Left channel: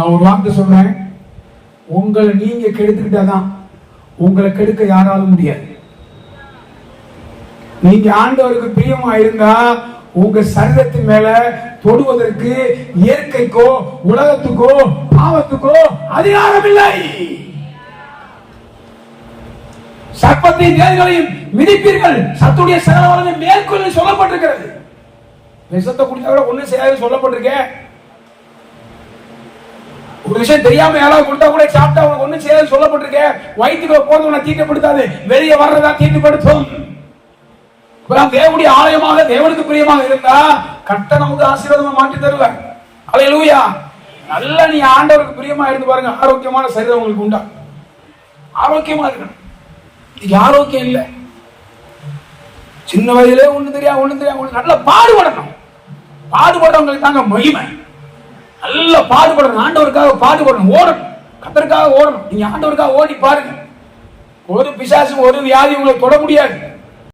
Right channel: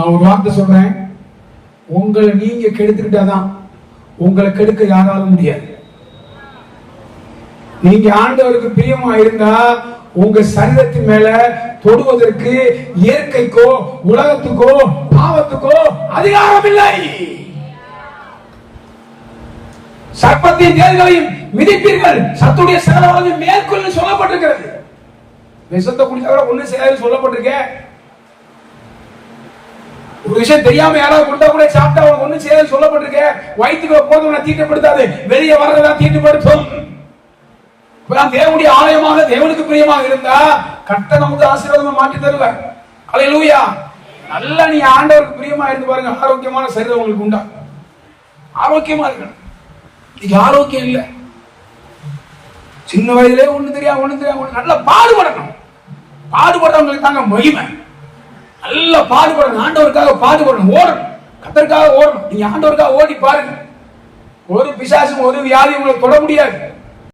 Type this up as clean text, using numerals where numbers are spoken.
நான் ஒரு வார்த்தை சொல்றேன், உங்களை நீங்க கெடுத்துக்கிட்டாதான் உங்களை கெடுக்க யாராலும் முடியாது. நீங்க ஆண்டவருக்கு பிரியமா இருந்தா உங்க சரீரத்தின் மேல தொடுவதற்கு இயற்கைக்கோ உலகத்துக்கோ பாவத்துக்கோ அதிகாரம் இல்லை. சர்ப்பத்தின் தேள்களையும் மிதிப்பீர்கள், சத்துடைய சகலவகை மேற்கொள்ள சொல்லப்பட்டிருக்கிறது. விஷத்தை குடித்தவரை ஒண்ணு செய்யாது சொல்லப்பட்டிருக்க. ஒரு விஷயம் தெரியாம யாராவது கொடுத்தா கூட சாப்பிட்டா அவனுக்கு ஒண்ணு செய்யாது சொல்லப்பட்டிருக்க. வயிற்றுக்குள்ள போதும் தீட்டப்படுத்தாது, வெளியே வர்றதா தீட்டுப்படுத்தும். தேவனுடைய ஆலயமாக தேவனுக்கு பிரியமாக இருந்தா கட்ட நமக்கு ஆசீர்வாதமா மாற்றி தருவார். அல்லேலூயா. நல்லா நீ ஆண்டவருக்கு பிரியமா இருந்து பாருங்க, ஆரோக்கியமான சரீரம் உங்களுக்கு உண்டா. ஆரோக்கியமா இருக்கணும். இது ஆரோக்கியம் இல்லை. சின்ன வயதிலே ஒண்ணு தெரியாது நல்லா பாடுபடணும். பாடுபடுறவங்களுக்கு தாங்க மகிமை. நல்லா பாடுபடணும், ஆண்டவருக்காக பாடுபடணும், ஓடணும், கர்த்தருக்காக ஓடணும். நீங்க ஆண்டவருக்காக ஓடி பாருங்க. ஒரு பிசாசு ஒரு வியாதி உங்களை தொட முடியாது.